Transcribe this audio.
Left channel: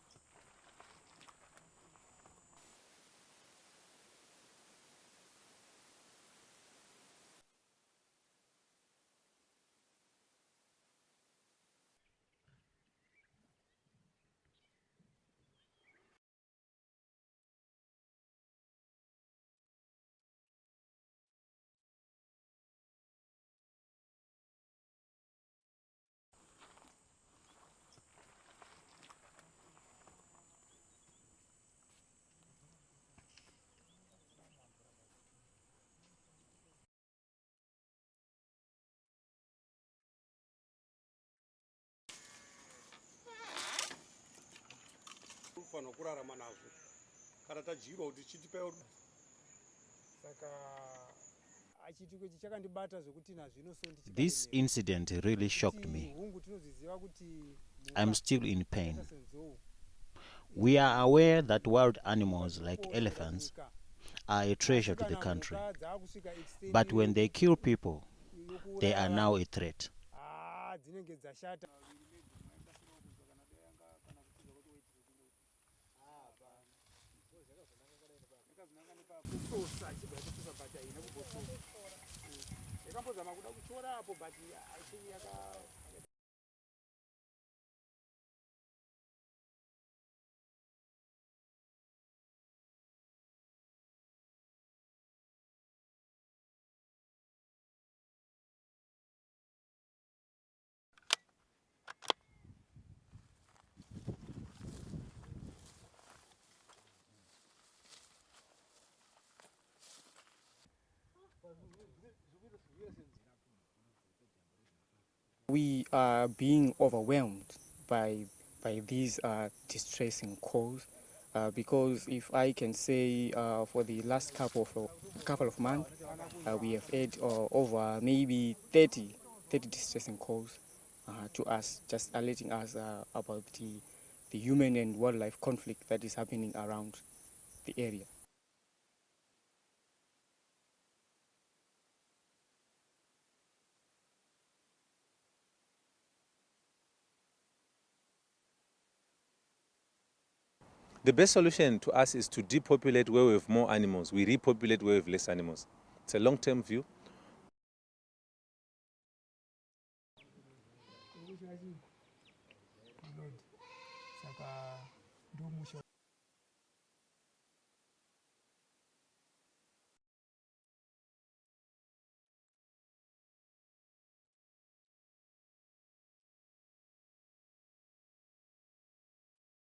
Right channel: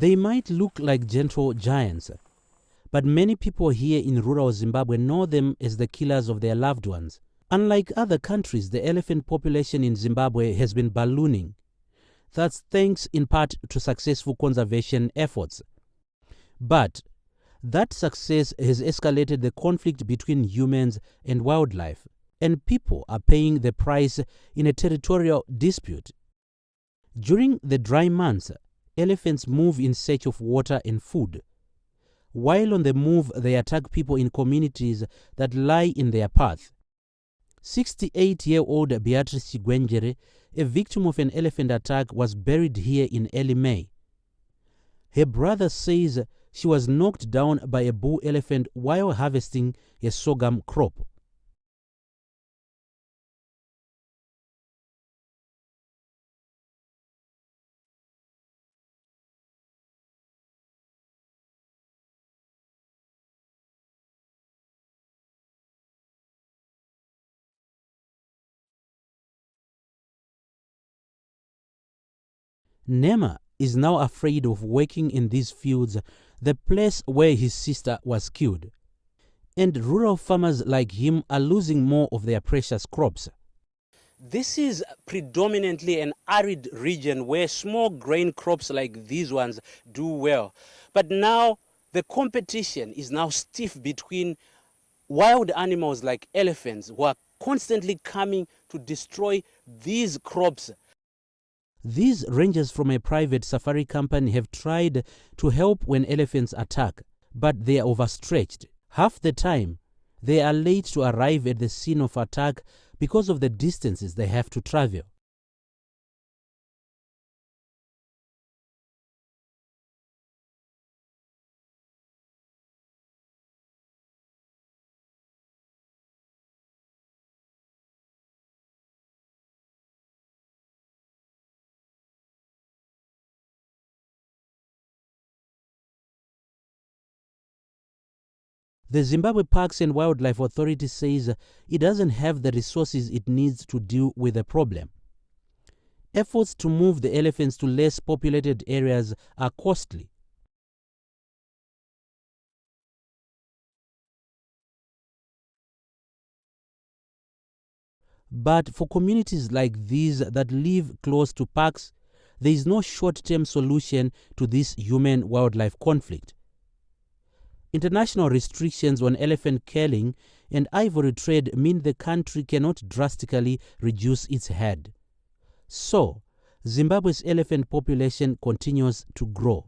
They might look like gentle giants, but many people here in rural Zimbabwe know them as the killers of their loved ones. Unlike other countries, the elephant population in Zimbabwe has been ballooning. That's thanks in part to successful conservation efforts. But that success has escalated the conflict between humans and wildlife, and people are paying the price in a territorial dispute. During the dry months, elephants move in search of water and food. While on the move, they attack people in communities that lie in their path. 68-year-old Beatrice Chigwenjere, a victim of an elephant attack, was buried here in early May. Her brother says she was knocked down by a bull elephant while harvesting a sorghum crop. This incident really shocked me. I'm still in pain. We are aware that wild animals like elephants are a treasure to the country. But when they kill people, they are now a threat. Nema is now afraid of working in these fields, the place where his sister was killed. And rural farmers like him are losing more of their precious crops. This is predominantly an arid region where small grain crops like these ones do well. But now the competition is now stiff between wild animals like elephants who are constantly coming to destroy these crops. These rangers from a private safari company have tried to help when elephants attack, but they are overstretched. Half the time, they are late to arrive at the scene of attack because of the distances they have to travel. We are being overwhelmed by these distressing calls because if I can say for the last couple of months, we have had over maybe 30 distressing calls to us, just alerting us about the human and wildlife conflict that is happening around the area. The Zimbabwe Parks and Wildlife Authority says it doesn't have the resources it needs to deal with the problem. Efforts to move the elephants to less populated areas are costly. The best solution to us is to depopulate where we have more animals. We repopulate where we have less animals. It's a long-term view. But for communities like these that live close to parks, there is no short-term solution to this human-wildlife conflict. International restrictions on elephant killing and ivory trade mean the country cannot drastically reduce its herd. So, Zimbabwe's elephant population continues to grow.